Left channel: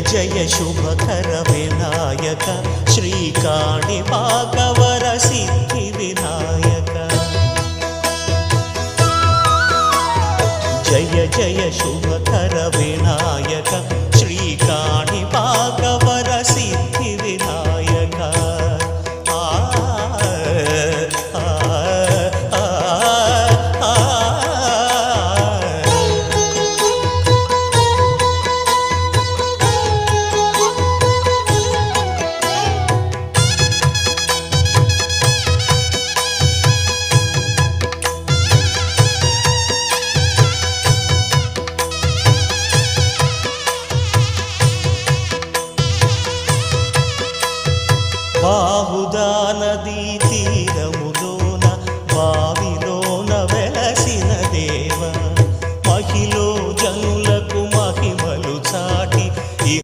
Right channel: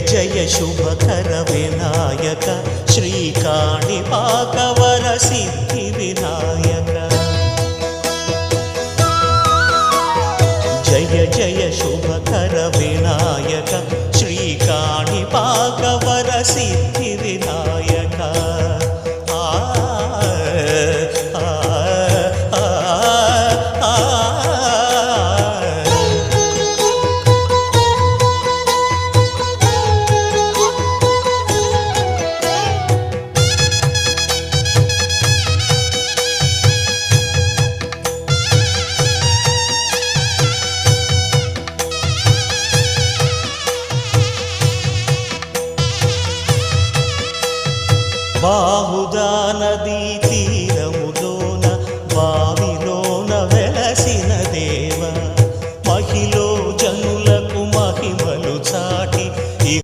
जय शुभकर विनायक श्रीकाणिपाकवर सिद्धि विनायक जय जय शुभकर विनायक श्रीकाणिपाकवर सिद्धि विनायक బాహుదా నదీ తీరము